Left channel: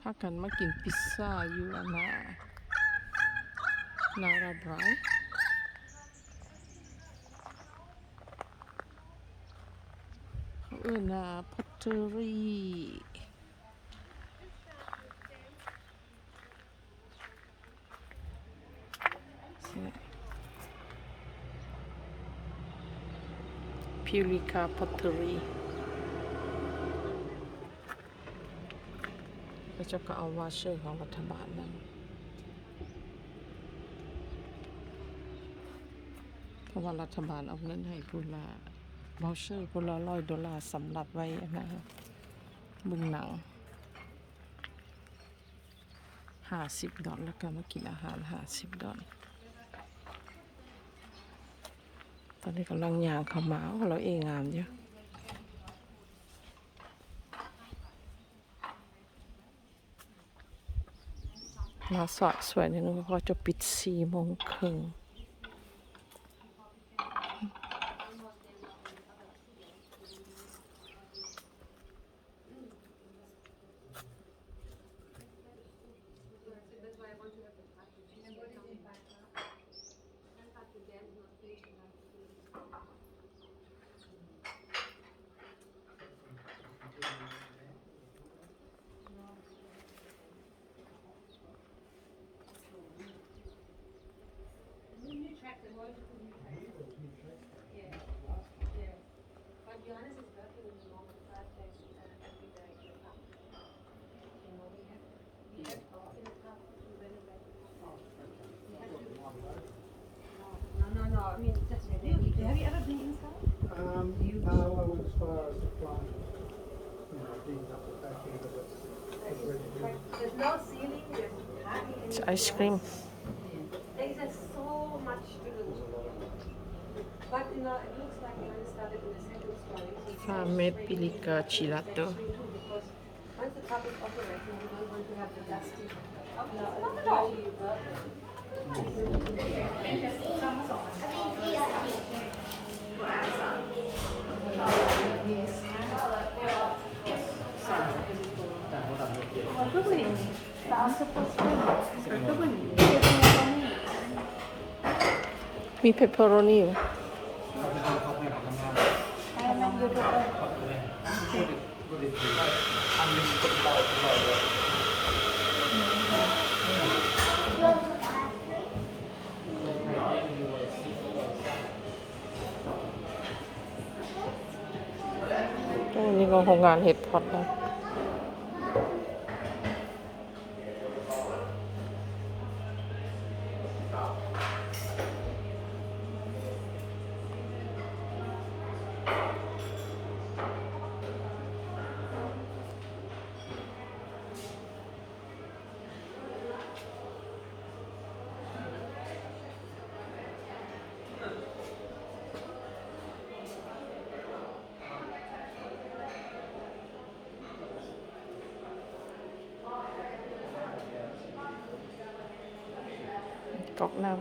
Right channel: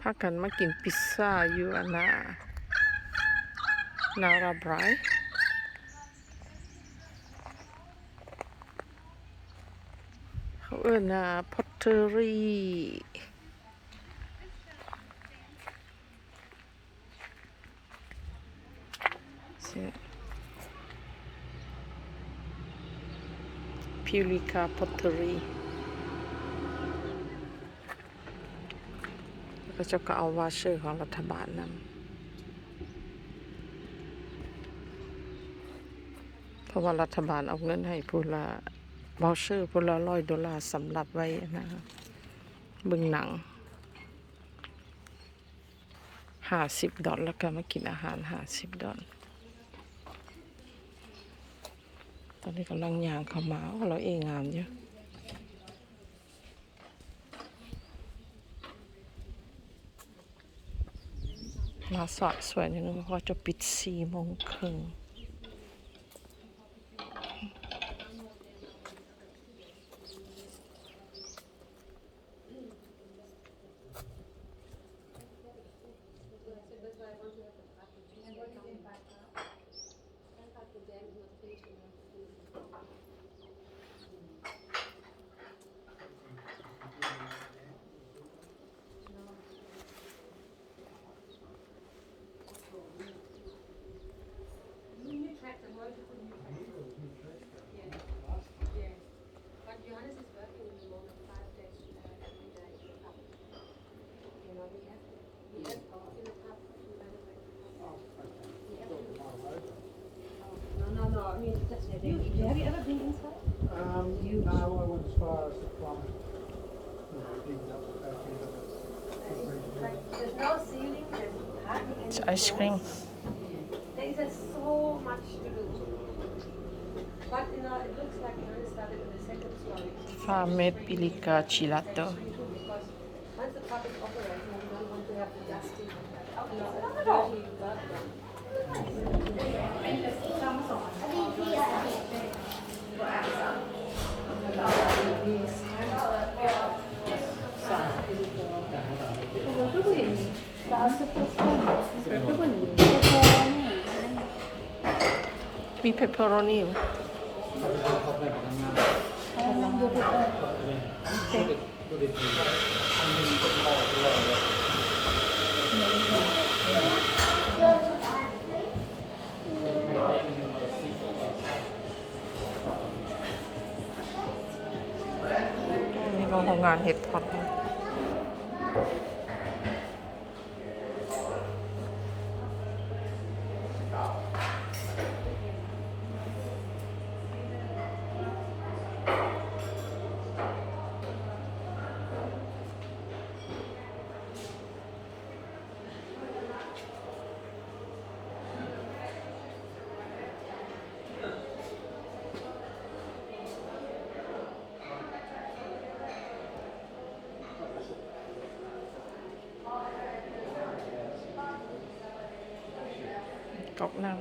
พากันมากินพิซซ่าอยู่อันนาราไบรเขาเอิ้นพอตเตอรี่พิลิกาพอตเตอรี่ก็จะก็เอาวาเชอร์ของรัฐบาลนำเพราะว่ารัฐบาลเอาเงินให้ผู้ละวาเชอร์ผู้ละ$100สำหรับไว้นะเบิ่งหนัง$50แล้วก็มากินอาหาร$50ตอนนี้กำลังย่างเข้ามาเราเองงามอยู่เราสอบสวยนิดนึงเพราะจะปิด4:30Have you ever been inside? No, I went as far as the front, leading up to the back end of it. There's no ceiling, there's hardly any. It's ice cream. There is so much to do. But it looks like it only started in the second story. Farmed Pilica Gelato. Because once the cup is operating, you don't want to have the dusty. Mi pepperoni. Iniก็โรงงานเห็ดพอตนะก๊อกน้ำ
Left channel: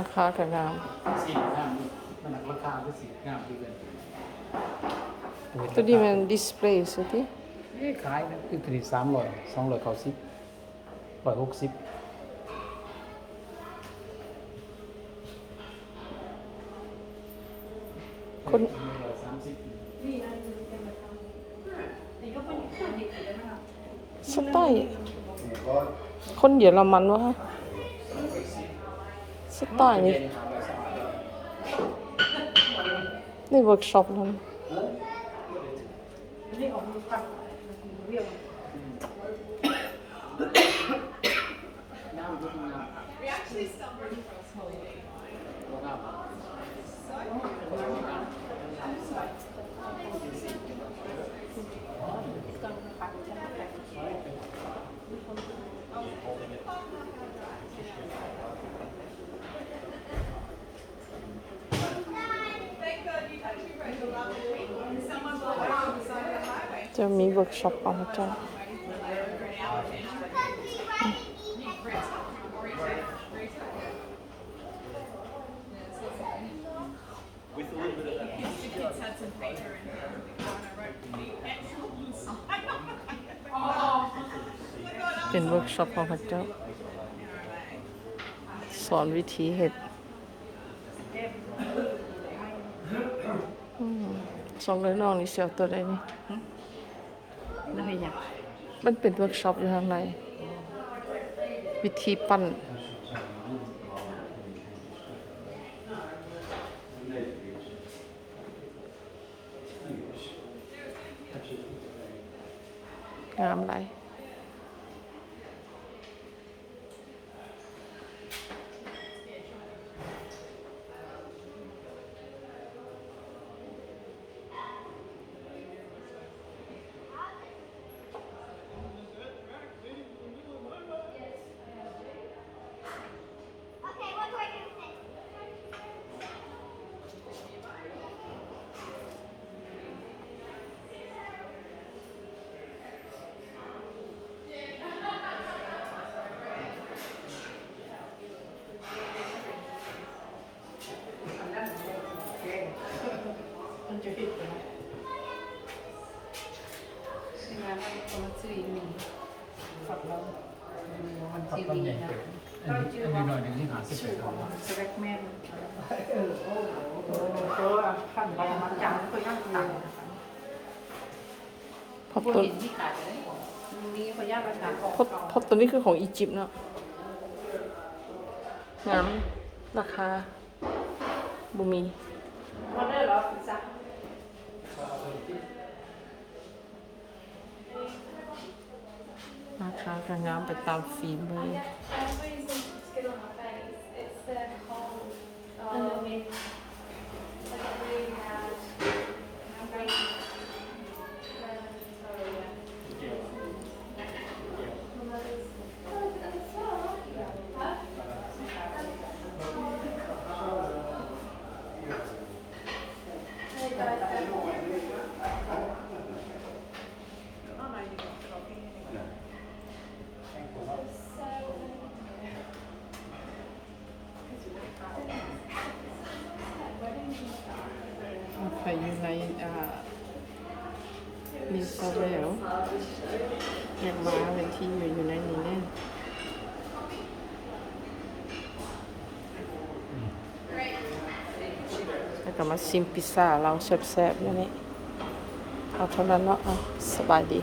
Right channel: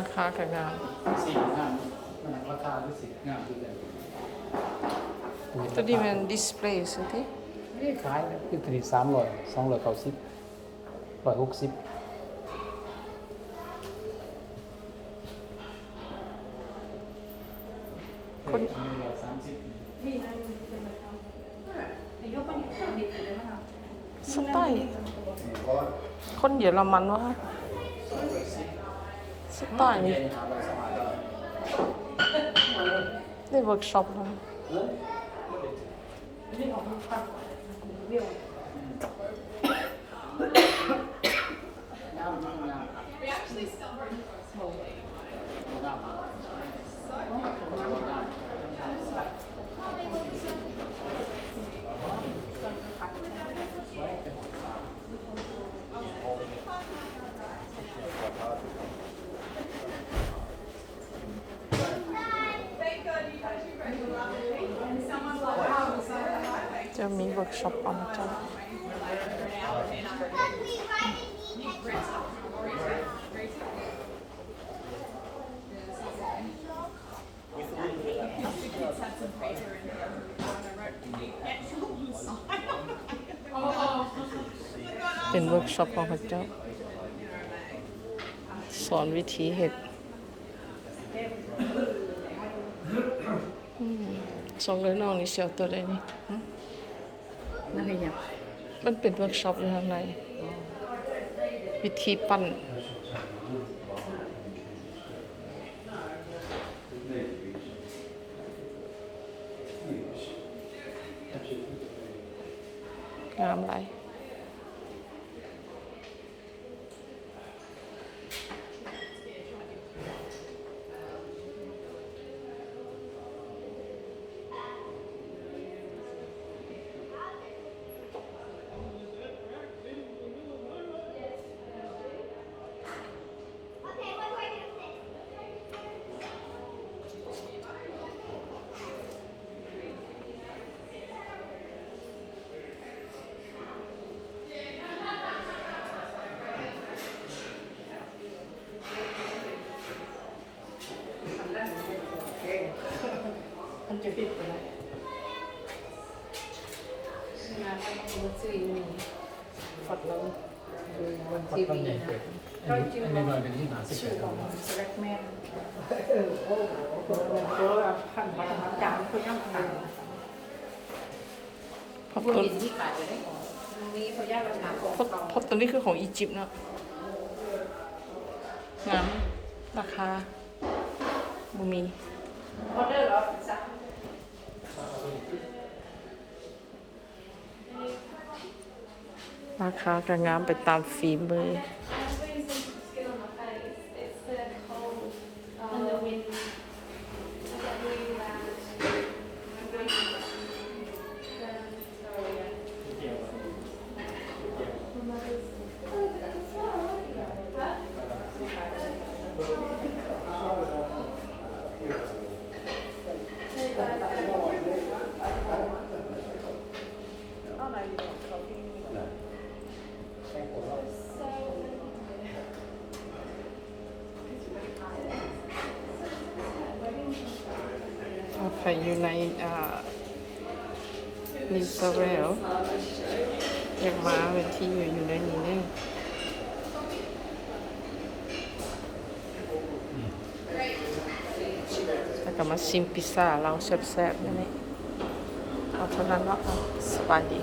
ราคากันงาน สีงามมันราคาด้วยสีงามดีเลย ตัวนี้มันดิสเพลย์สิที่ นี่ขายนะคือถึง300 290 160คนสไตล์คนเยอรมันวะสไตล์นี้ นี่เวิร์กช็อปนะ จะมีเวิร์กช็อปอะไรจ้ะ เป็นเวิร์กช็อปของพระเจ้า สอนวิธีเห็ดสองเลยน้องนี่เสียวตัวใดนี่ นั่นเป็นยัง มันเป็นเวิร์กช็อปอยู่ข้างในวิธีปั้นงามไรมันจะปิดไปแล้ว งานเราก็มาซื้อมี ฝัดแล้ว วัน ตัด ที่ ต้น มี ใหญ่ นะ เกิดอันนี้หน่อยหนึ่งที่หาสิบ ชื่ เอ็ อ ด ข เอา องสแวกแมน ขั้นปรมาจารย์เขาย่างต่างนะคะ เพราะ ผู้ ตัว หญิงที่ขายจะได้ของนี้เขาย่างราคาของ เพราะตัวนี้คือของอียิปต์เนาะงามราคาบุมี ออเดอร์แล้วจ้ะ ราคาก็งามไปตามฝีมือ อาศัยอยู่ในนิวซาเรลอยากมาเป็นที่อยู่ในนี้แน่แล้วก็มาชิมพิซซ่าเราแซ่บๆนี่นี่เอาเท่านั้นเนาะสบายดี